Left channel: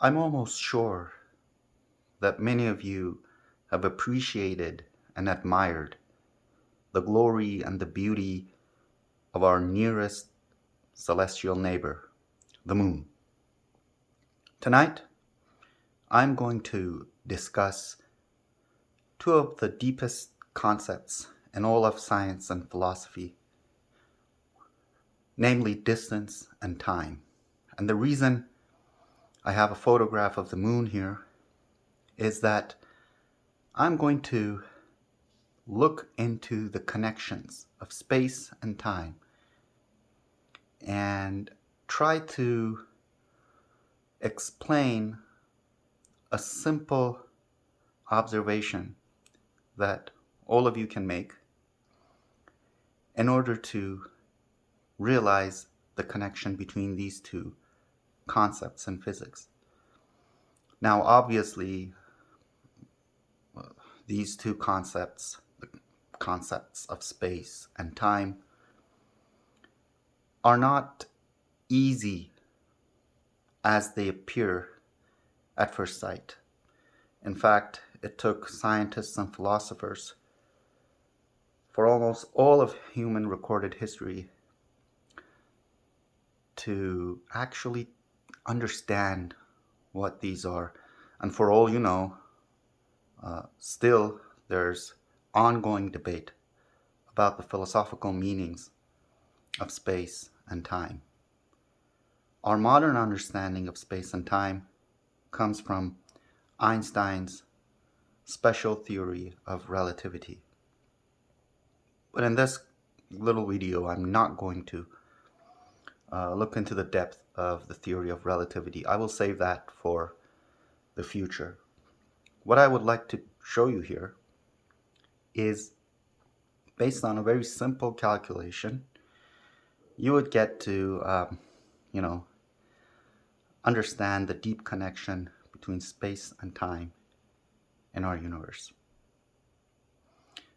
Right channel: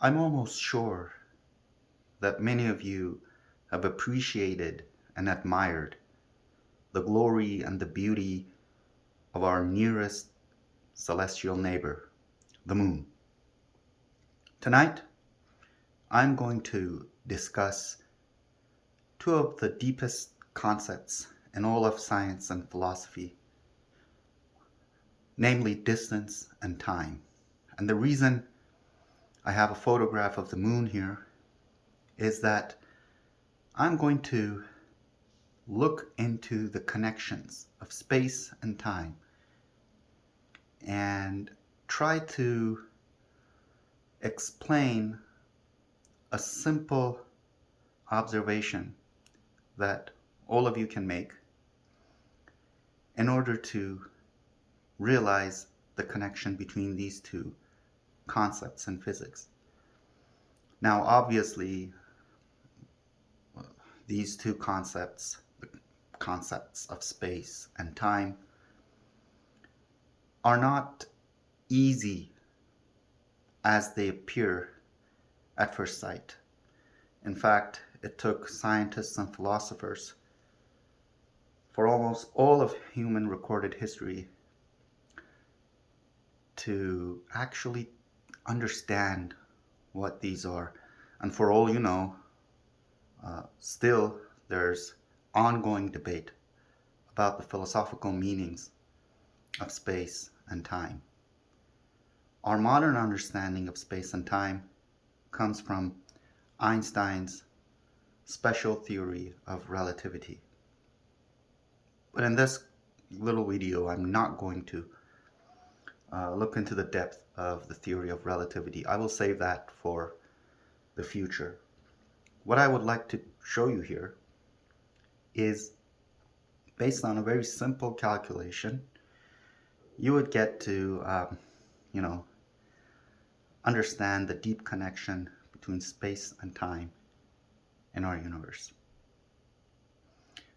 I'm almost sure that many of you have appreciated and admired the glory and the beauty of our nearest celestial neighbor, the moon. Tonight, I'm going to discuss two of the deepest concepts in all of science and philosophy, namely distance and time. And the reason I have a photograph of the moon here is that I'm going to look into the connections of space and time and try to explain a simple observation that all of you can make in order to realize the connection between these two concepts in physics. Now, obviously, these two concepts, the concepts of space and time, are not easy as they appear at first sight. In fact, it took scientists and philosophers for almost all of human recorded history to actually understand what these are. And for all you know, still there's ongoing debate about the philosophical meanings of space and time. Our modern understanding of space and time comes from Einstein's special theory of relativity. But in this little video, I'm not going to look into the depth of the theory of relativity. I will save that for the future. What I would like to show you here is based on a very simple calculation. You would get to, understand the deep connection between space and time in our universe.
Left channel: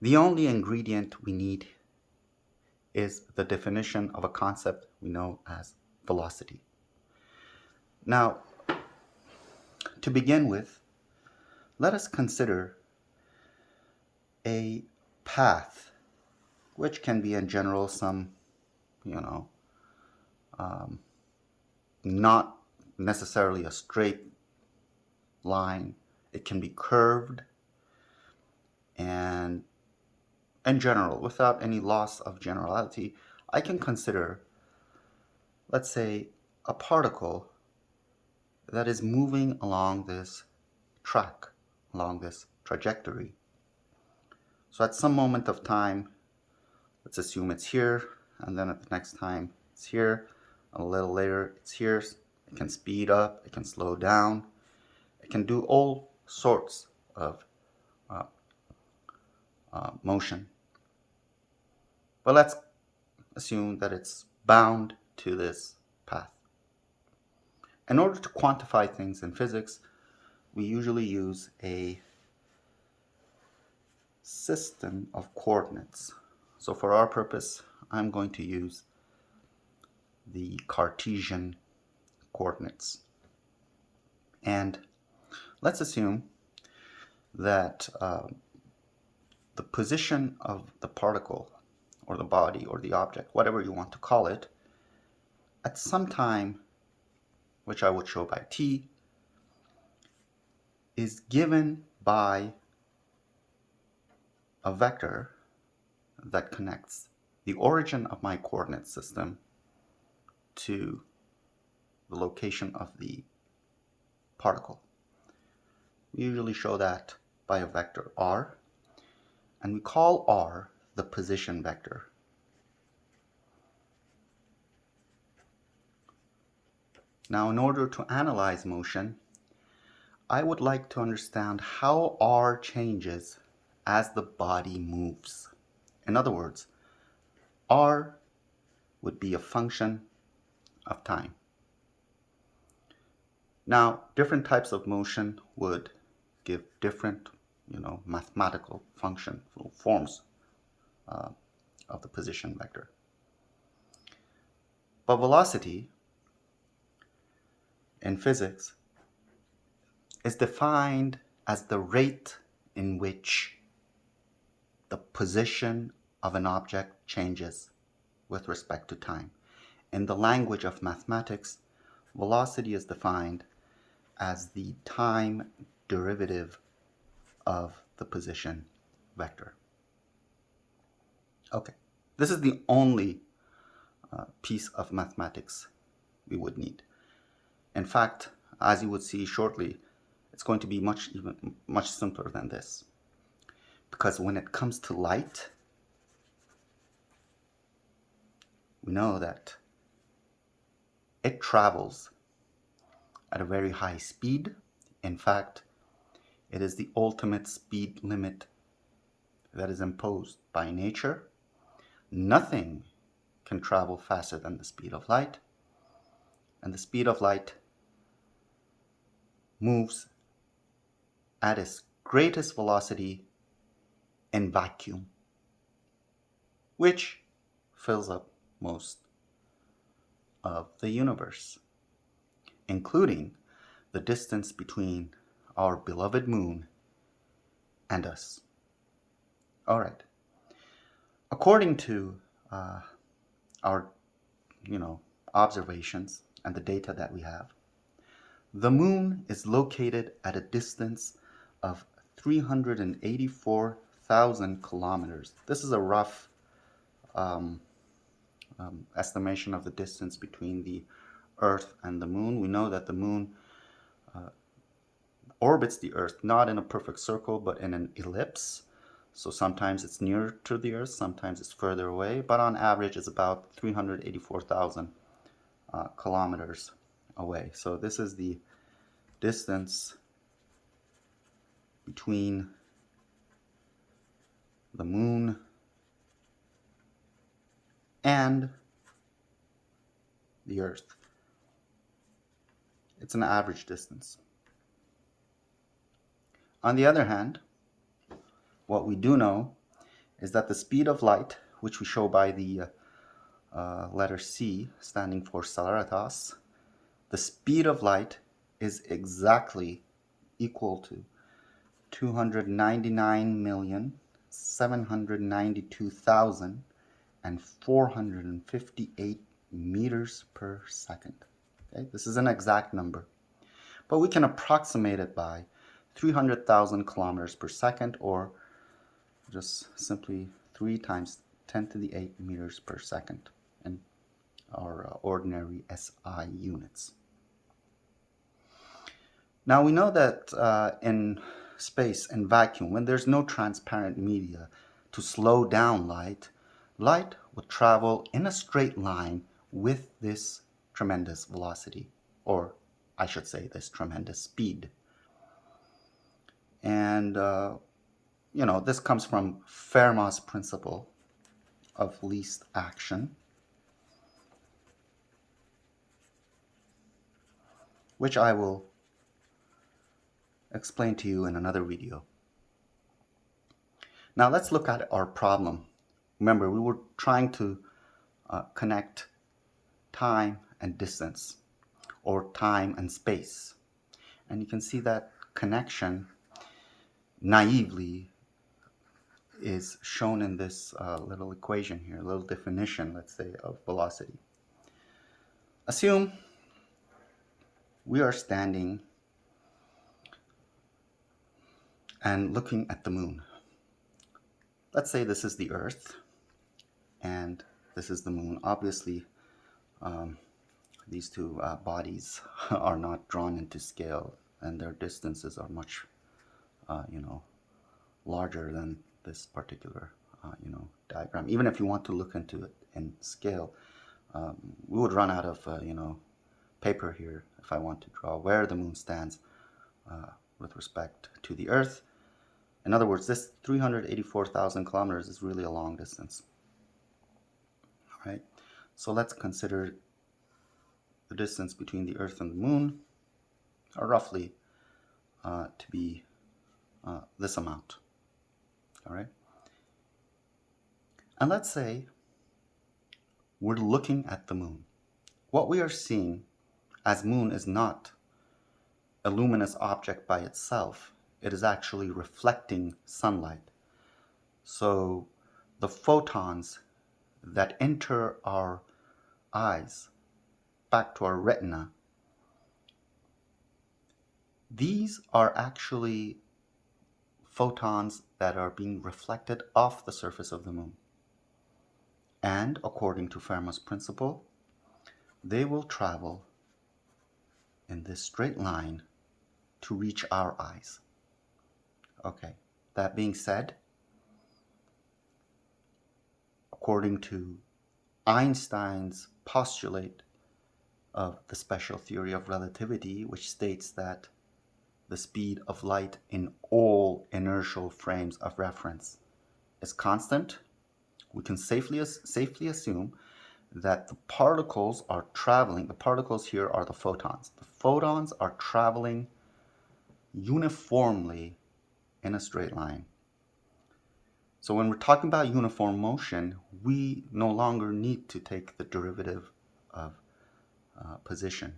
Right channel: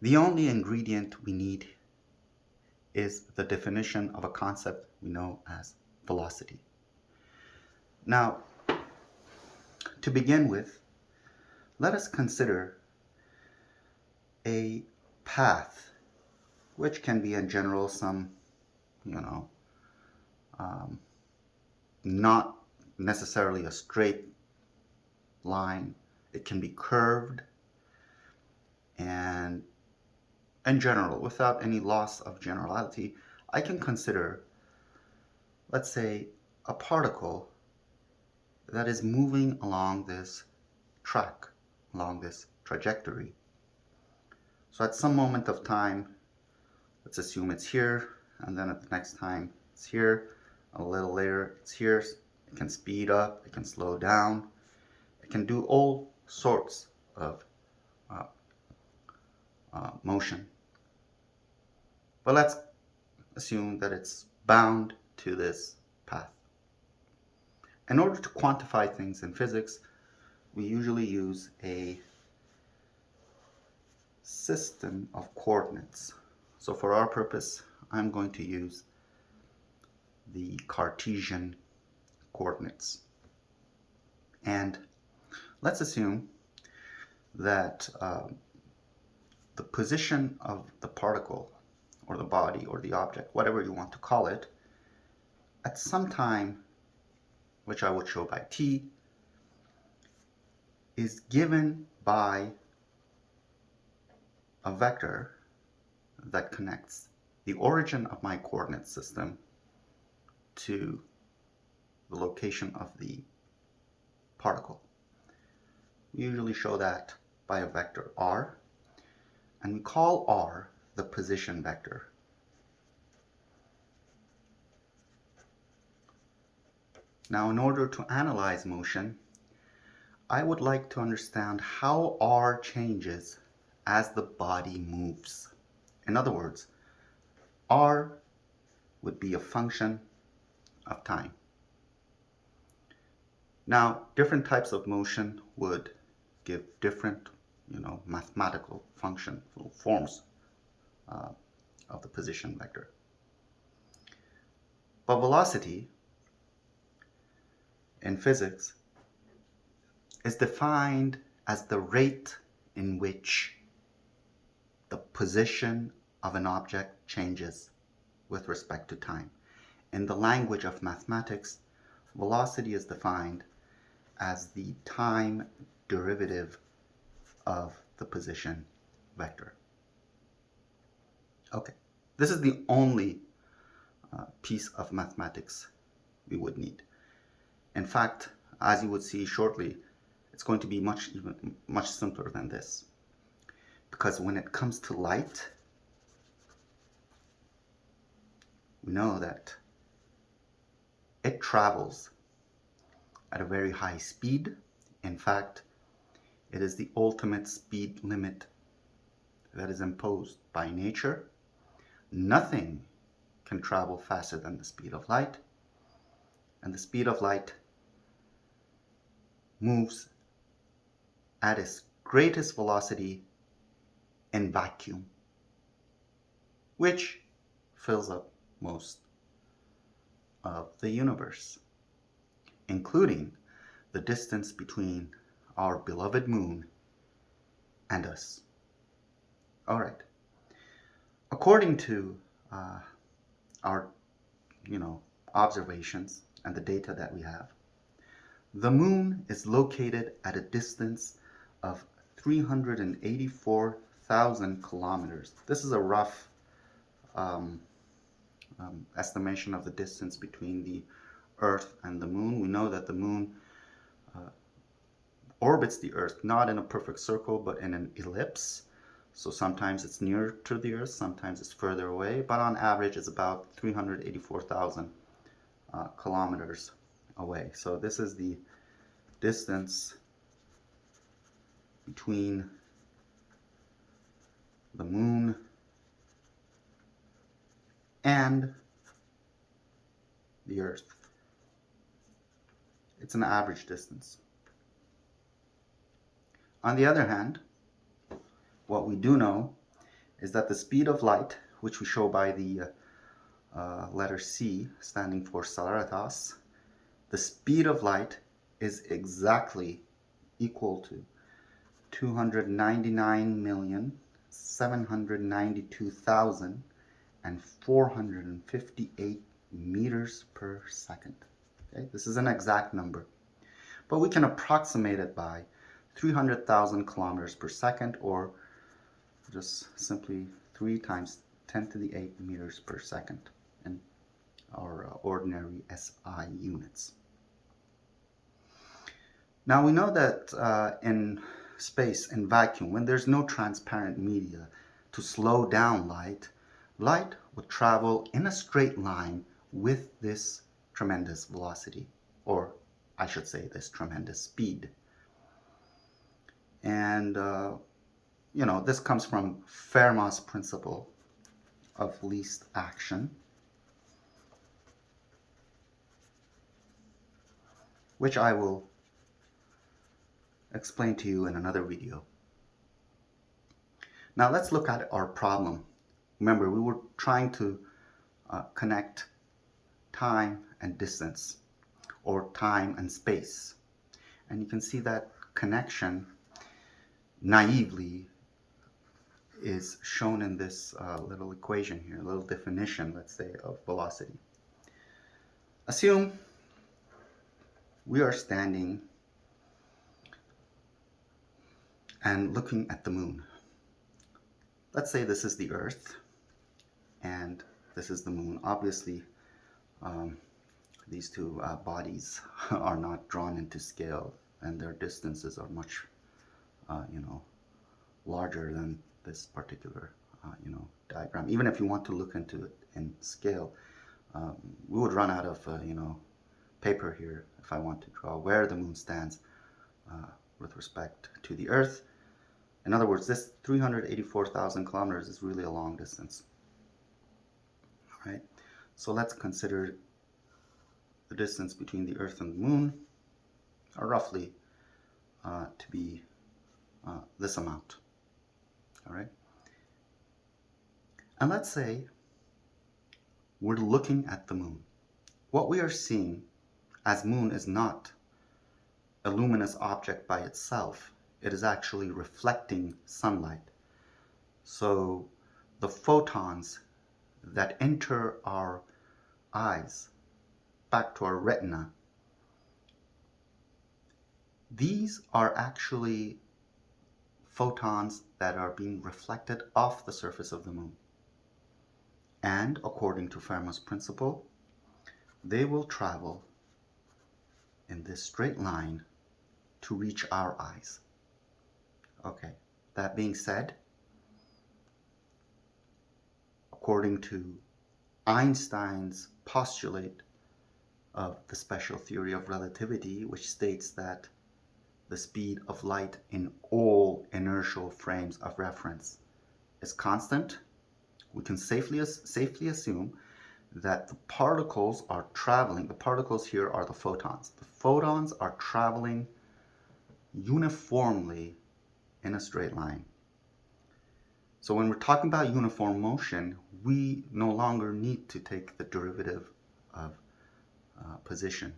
The only ingredient we need is the definition of a concept we know as velocity. Now, to begin with, let us consider a path, which can be in general some, not necessarily a straight line. It can be curved, and in general, without any loss of generality, I can consider, let's say, a particle that is moving along this track, along this trajectory. So at some moment of time, let's assume it's here, and then at the next time it's here, a little later it's here. It can speed up, it can slow down, it can do all sorts of motion. But let's assume that it's bound to this path. In order to quantify things in physics, we usually use a system of coordinates. So for our purpose, I'm going to use the Cartesian coordinates. And let's assume that the position of the particle or the body or the object, whatever you want to call it, at some time, which I will show by t, is given by a vector that connects the origin of my coordinate system to the location of the particle. We usually show that by a vector r, and we call r the position vector. Now, in order to analyze motion, I would like to understand how r changes as the body moves. In other words, r would be a function of time. Now, different types of motion would give different, mathematical function forms of the position vector. But velocity in physics is defined as the rate in which the position of an object changes with respect to time. In the language of mathematics, velocity is defined as the time derivative of the position vector. Okay, this is the only piece of mathematics we would need. In fact, as you would see shortly, it's going to be much simpler than this. Because when it comes to light, we know that it travels at a very high speed. In fact, it is the ultimate speed limit that is imposed by nature. Nothing can travel faster than the speed of light, and the speed of light moves at its greatest velocity in vacuum, which fills up most of the universe, including the distance between our beloved moon and us. All right. According to our observations and the data that we have, the moon is located at a distance of 384,000 kilometers. This is a rough estimation of the distance between the Earth and the moon. We know that the moon orbits the Earth not in a perfect circle but in an ellipse. So sometimes it's nearer to the Earth, sometimes it's further away, but on average it's about 384,000 kilometers away. So this is the distance between the moon and the Earth. It's an average distance. On the other hand, what we do know is that the speed of light, which we show by the letter C, standing for celeritas, the speed of light is exactly equal to 299,792,458 meters per second. Okay? This is an exact number, but we can approximate it by 300,000 kilometers per second, or just simply 3 times 10 to the 8 meters per second in our ordinary SI units. Now we know that in space, in vacuum, when there's no transparent media to slow down light, light would travel in a straight line with this tremendous velocity, or I should say this tremendous speed. And this comes from Fermat's principle of least action, which I will explain to you in another video. Now let's look at our problem. Remember, we were trying to connect time and distance, or time and space. And you can see that connection naively is shown in this little equation here, a little definition, let's say, of velocity. Assume we are standing and looking at the moon. Let's say this is the Earth and this is the moon. Obviously, these two bodies are not drawn into scale, and their distances are much larger than this particular diagram. Even if you want to look into it in scale, we would run out of paper here if I want to draw where the moon stands with respect to the Earth. In other words, this 384,000 kilometers is really a long distance. All right, so let's consider the distance between the Earth and the moon are roughly to be this amount. All right, and let's say we're looking at the moon. What we are seeing as moon is not a luminous object by itself. It is actually reflecting sunlight. So the photons that enter our eyes back to our retina, these are actually photons that are being reflected off the surface of the moon. And according to Fermat's principle, they will travel in this straight line to reach our eyes. Okay, that being said, according to Einstein's postulate of the special theory of relativity, which states that the speed of light in all inertial frames of reference is constant, we can safely assume that the particles are traveling. The particles here are the photons. The photons are traveling uniformly in a straight line. So when we're talking about uniform motion, we no longer need to take the derivative of position.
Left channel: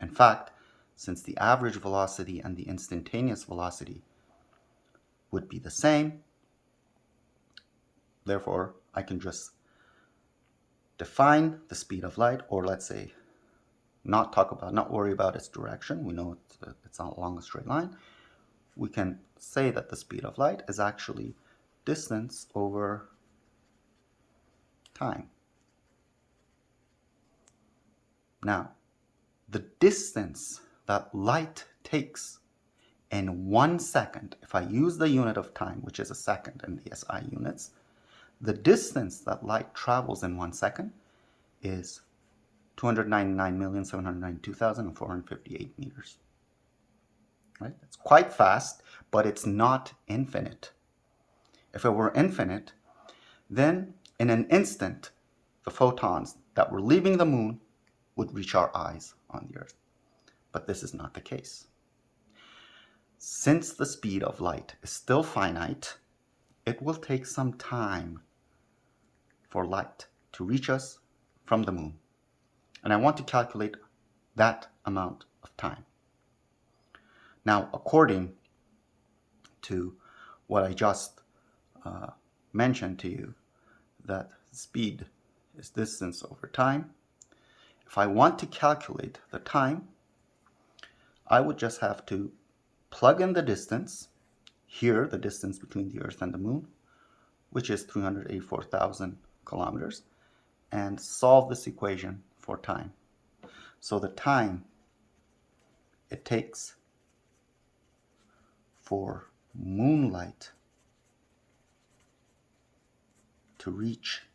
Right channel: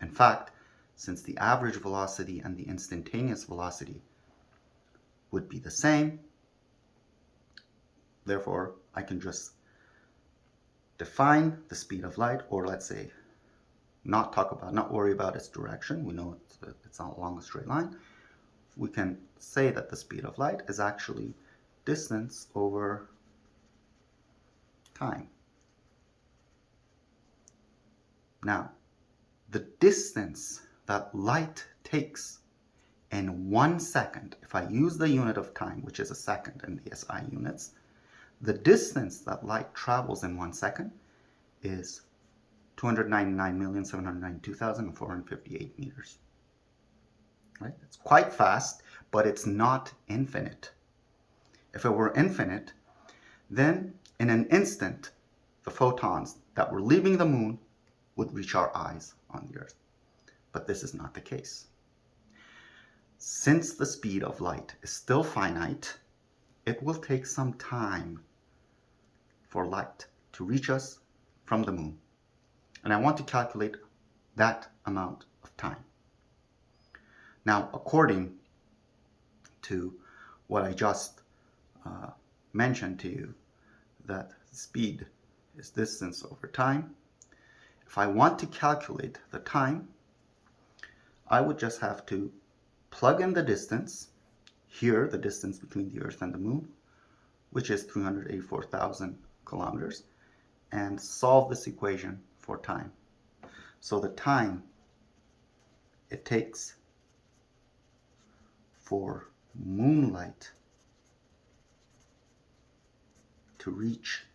In fact, since the average velocity and the instantaneous velocity would be the same, therefore I can just define the speed of light, or let's say not worry about its direction. We know it's not along a straight line. We can say that the speed of light is actually distance over time. Now, the distance that light takes in 1 second, if I use the unit of time, which is a second in the SI units, the distance that light travels in 1 second is 299,792,458 meters. Right? It's quite fast, but it's not infinite. If it were infinite, then in an instant, the photons that were leaving the moon would reach our eyes on the Earth. But this is not the case. Since the speed of light is still finite, it will take some time for light to reach us from the moon. And I want to calculate that amount of time. Now, according to what I just mentioned to you, that speed is distance over time, if I want to calculate the time, I would just have to plug in the distance, here the distance between the Earth and the moon, which is 384,000 kilometers, and solve this equation for time. So the time it takes for moonlight to reach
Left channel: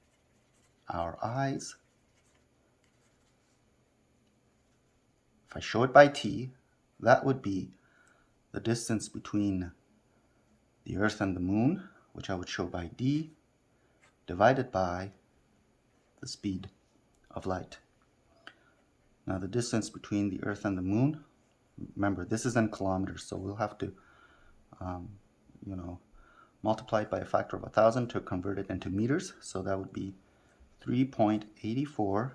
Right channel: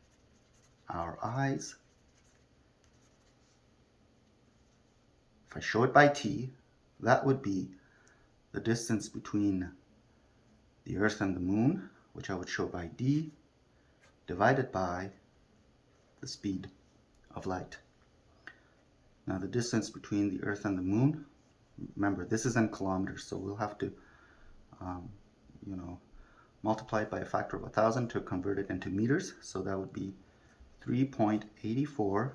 our eyes, if I show it by t, that would be the distance between the Earth and the moon, which I would show by d, divided by the speed of light. Now the distance between the Earth and the moon, remember this is in kilometers, so we'll have to multiply it by a factor of 1,000 to convert it into meters. So that would be 3.84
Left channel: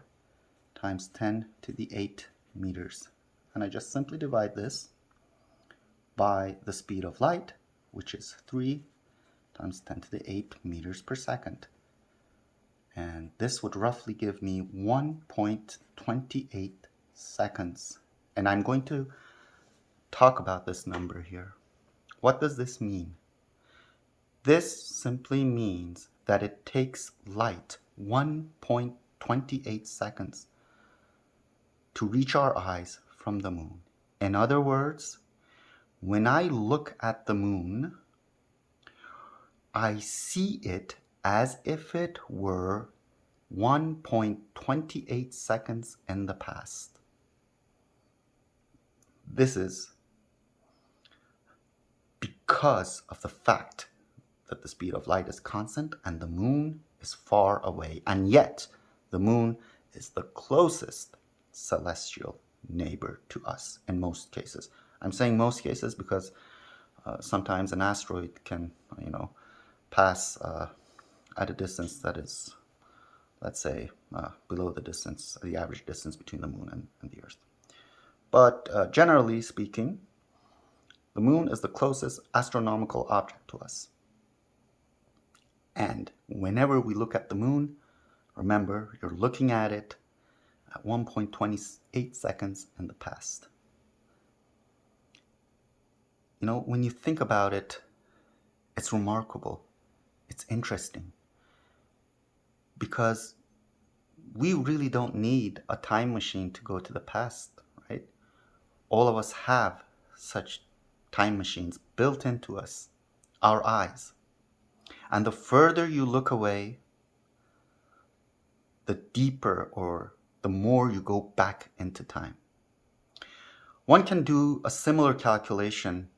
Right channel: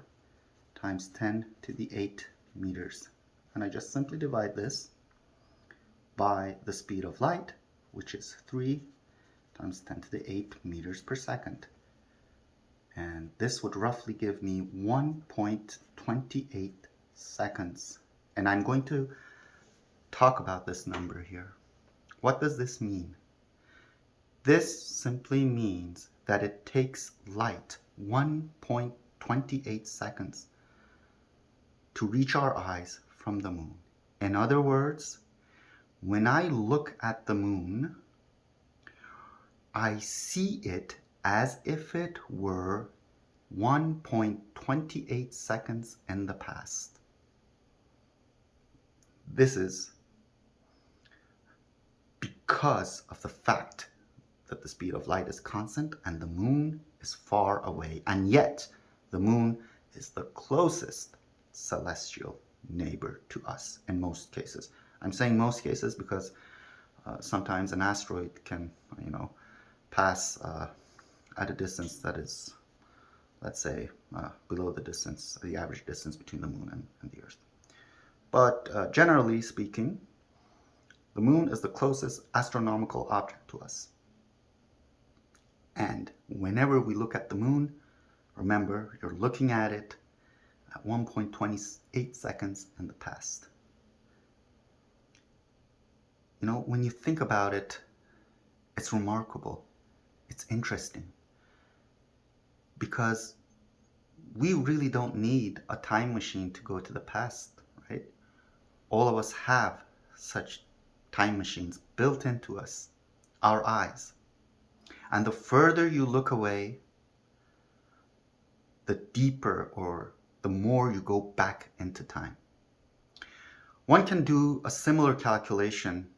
times 10 to the 8 meters. And I just simply divide this by the speed of light, which is 3 times 10 to the 8 meters per second. And this would roughly give me 1.28 seconds. And I'm going to talk about this number here. What does this mean? This simply means that it takes light 1.28 seconds to reach our eyes from the moon. In other words, when I look at the moon, I see it as if it were 1.28 seconds in the past. This is because of the fact that the speed of light is constant and the moon is far away, and yet the moon is the closest celestial neighbor to us in most cases. I'm saying most cases because sometimes an asteroid can, pass at a distance that is, let's say, below the average distance between the moon and the Earth. But generally speaking, The moon is the closest astronomical object to us. And whenever we look at the moon, remember you're looking at it at 1.28 seconds in the past. You know, when you think about it, it's remarkable. It's interesting. Because we really don't need a time machine to go to the past, right? All of us have such time machines built into us, our eyes. And the further you look away, the deeper or the more you go back into time. One can do a similar calculation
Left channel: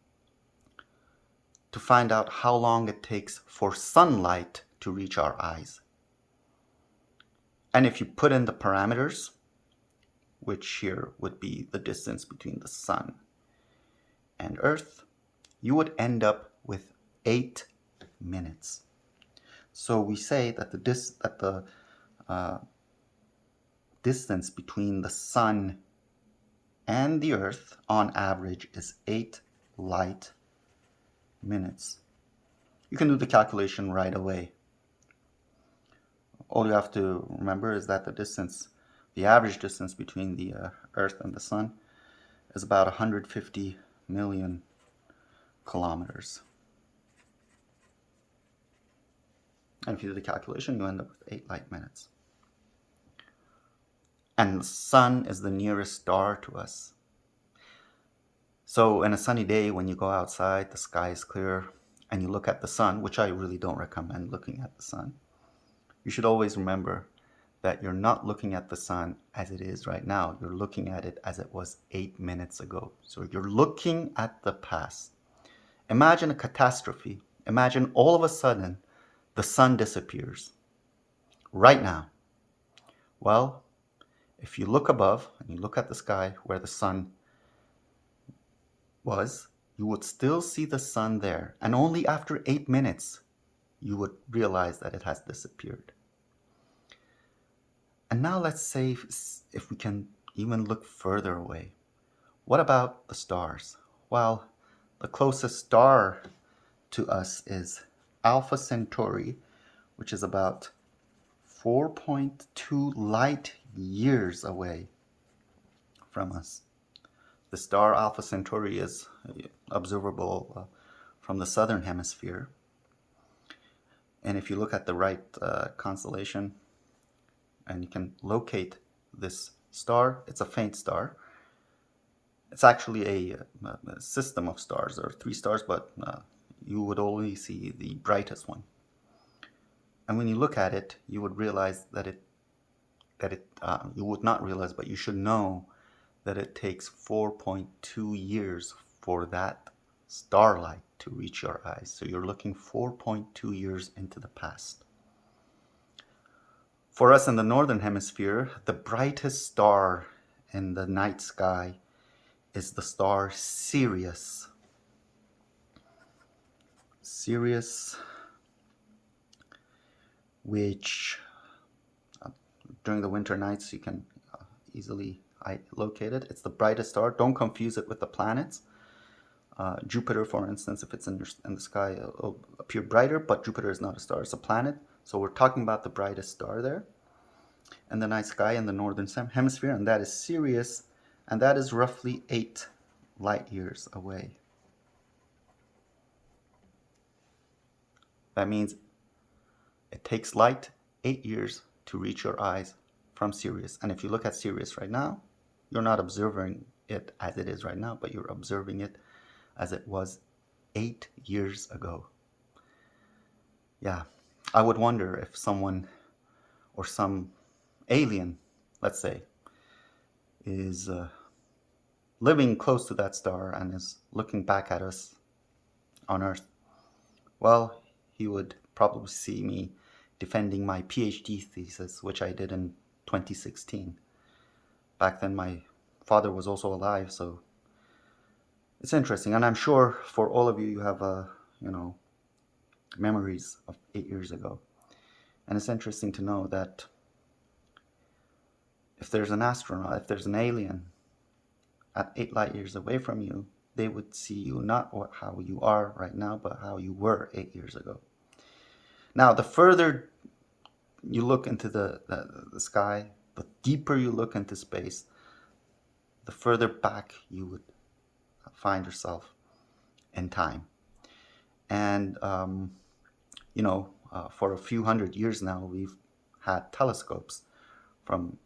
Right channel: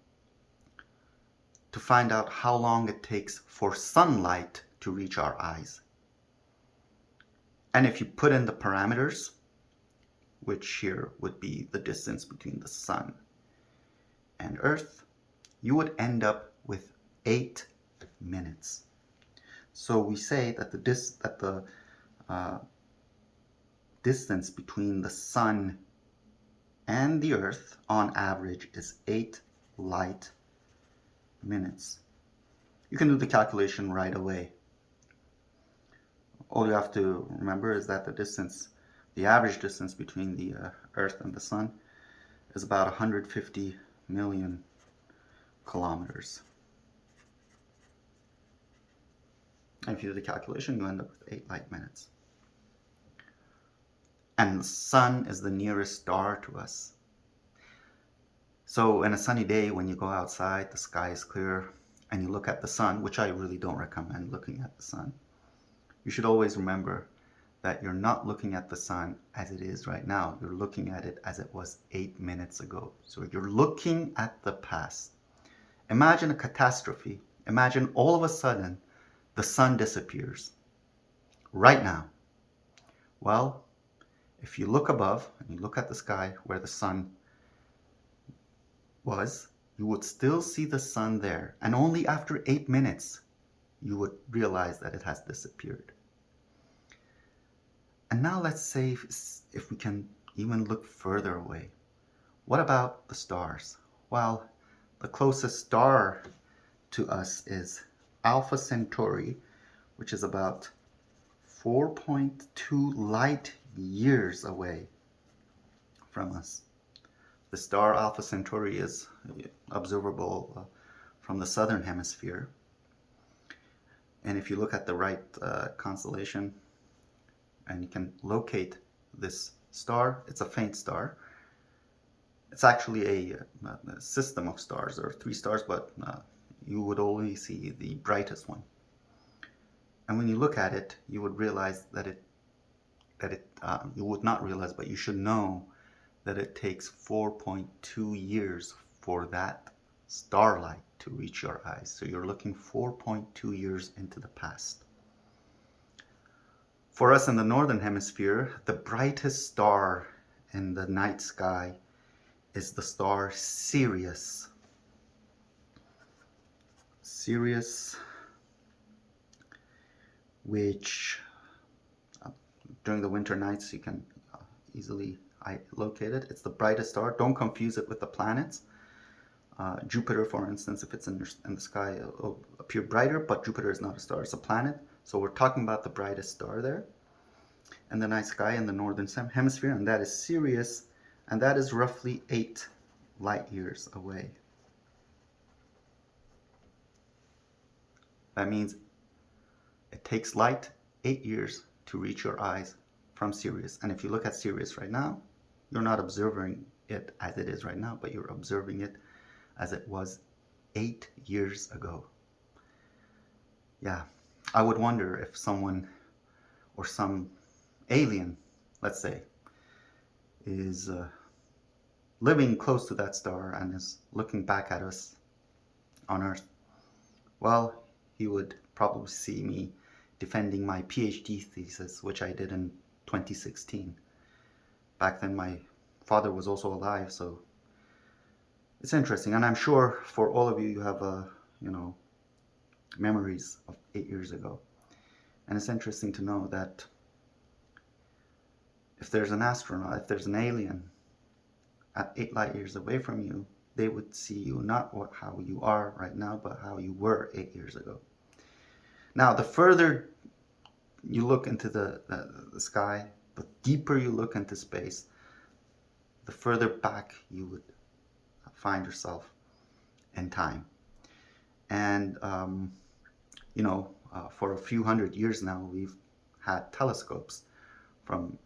to find out how long it takes for sunlight to reach our eyes. And if you put in the parameters, which here would be the distance between the sun and Earth, you would end up with 8 minutes. So we say that the distance between the sun and the Earth on average is 8 light minutes. You can do the calculation right away. All you have to remember is that the average distance between the Earth and the sun is about 150 million kilometers. And if you do the calculation, you end up with 8 light minutes. And the sun is the nearest star to us. So in a sunny day, when you go outside, the sky is clear, and you look at the sun, which I really don't recommend looking at the sun, you should always remember that you're not looking at the sun as it is right now. You're looking at it as it was 8 minutes ago. So you're looking at the past. Imagine a catastrophe. Imagine all of a sudden the sun disappears right now. Well, if you look above and you look at the sky where the sun was, you would still see the sun there. And only after 8 minutes, you would realize that it has disappeared. And now let's say if we can even look further away. What about the stars? Well, the closest star to us is Alpha Centauri, which is about 4.2 light years away from us. The star Alpha Centauri is observable from the southern hemisphere. And if you look at the right constellation and you can locate this star, it's a faint star. It's actually a system of stars. There are 3 stars, but you would only see the brightest one. And when you look at it, you would realize you would not realize, but you should know that it takes 4.2 years for that starlight to reach your eyes. So you're looking 4.2 years into the past. For us in the northern hemisphere, the brightest star in the night sky is the star Sirius. Sirius, which during the winter nights you can easily locate it. It's the brightest star. Don't confuse it with the planets. Jupiter, for instance, if it's in the sky, it'll appear brighter, but Jupiter is not a star, it's a planet. So we're talking about the brightest star there in the night sky in the northern hemisphere, and that is Sirius, and that is roughly 8 light years away. That means it takes light 8 years to reach your eyes from Sirius. And if you look at Sirius right now, you're not observing it as it is right now, but you're observing it as it was 8 years ago. Yeah, I would wonder if someone or some alien, let's say, is living close to that star and is looking back at us on Earth. Well, he would probably see me defending my PhD thesis, which I did in 2016. Back then my father was also alive, so it's interesting. And I'm sure for all of you, you have memories of 8 years ago. And it's interesting to know that if there's an astronaut, if there's an alien at 8 light years away from you, they would see you not how you are right now, but how you were 8 years ago. Now, the further you look into the sky, the deeper you look into space, the further back you would find yourself in time. And, for a few hundred years now, we've had telescopes from,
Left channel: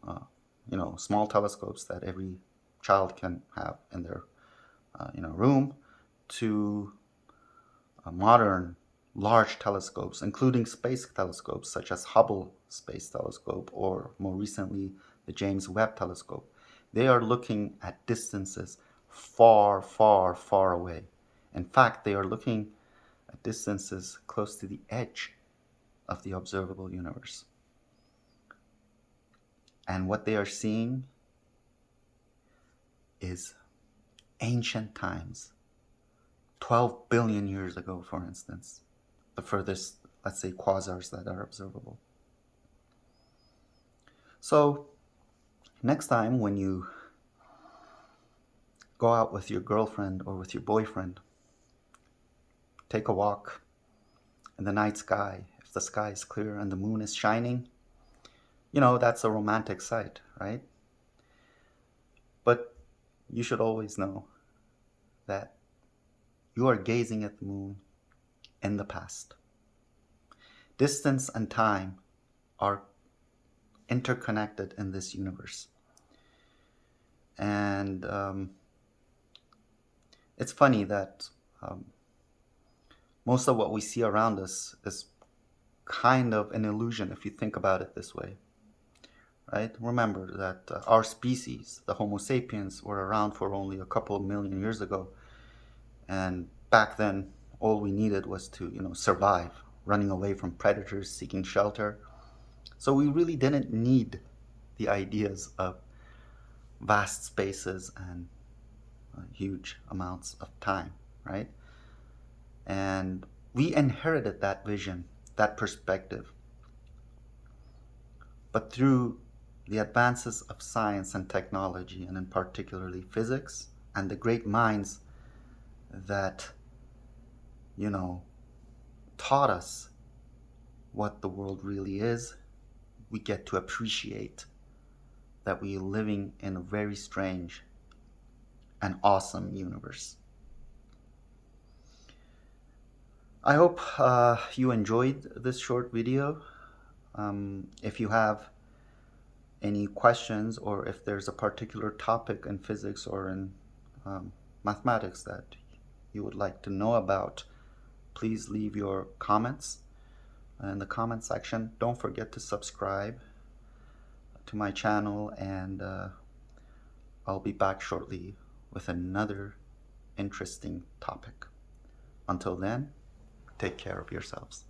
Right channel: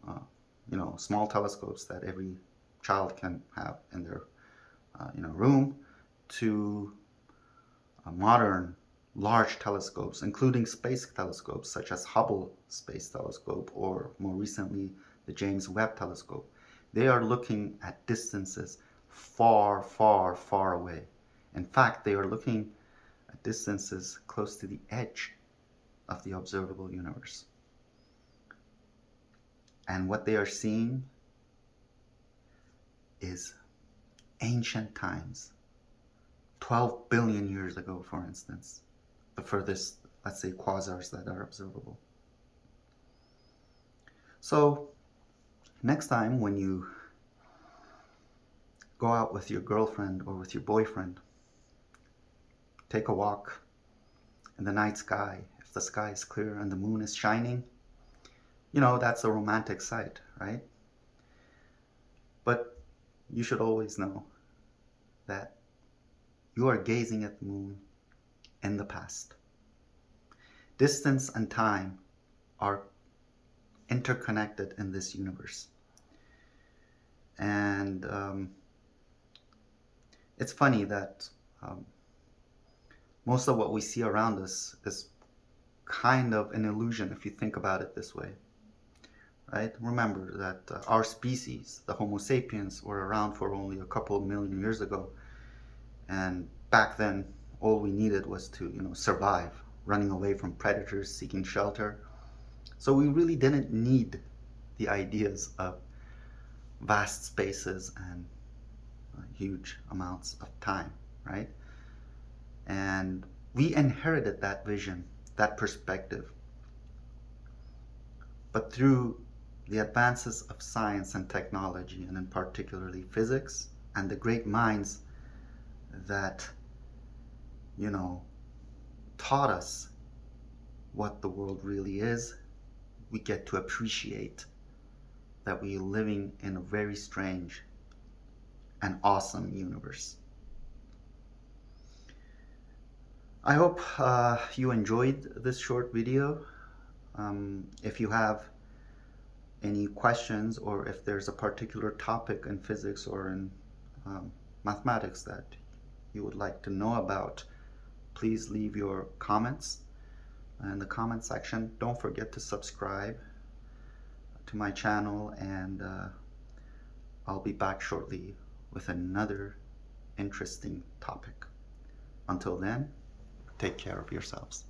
small telescopes that every child can have in their room to modern large telescopes, including space telescopes such as Hubble Space Telescope or more recently the James Webb Telescope. They are looking at distances far, far, far away. In fact, they are looking at distances close to the edge of the observable universe. And what they are seeing is ancient times, 12 billion years ago, for instance, the furthest, let's say, quasars that are observable. So next time when you go out with your girlfriend or with your boyfriend, take a walk in the night sky. If the sky is clear and the moon is shining, that's a romantic sight, right? But you should always know that you are gazing at the moon in the past. Distance and time are interconnected in this universe. And it's funny that most of what we see around us is kind of an illusion if you think about it this way, right? Remember that our species, the Homo sapiens, were around for only a couple of million years ago. And back then, all we needed was to, survive, running away from predators, seeking shelter. So we really didn't need the ideas of vast spaces and huge amounts of time, right? And we inherited that vision, that perspective. But through the advances of science and technology, and in particularly physics, and the great minds that, taught us what the world really is, we get to appreciate that we are living in a very strange and awesome universe. I hope you enjoyed this short video. If you have any questions, or if there's a particular topic in physics or in mathematics that you would like to know about, please leave your comments in the comment section. Don't forget to subscribe to my channel, and I'll be back shortly with another interesting topic. Until then, take care of yourselves.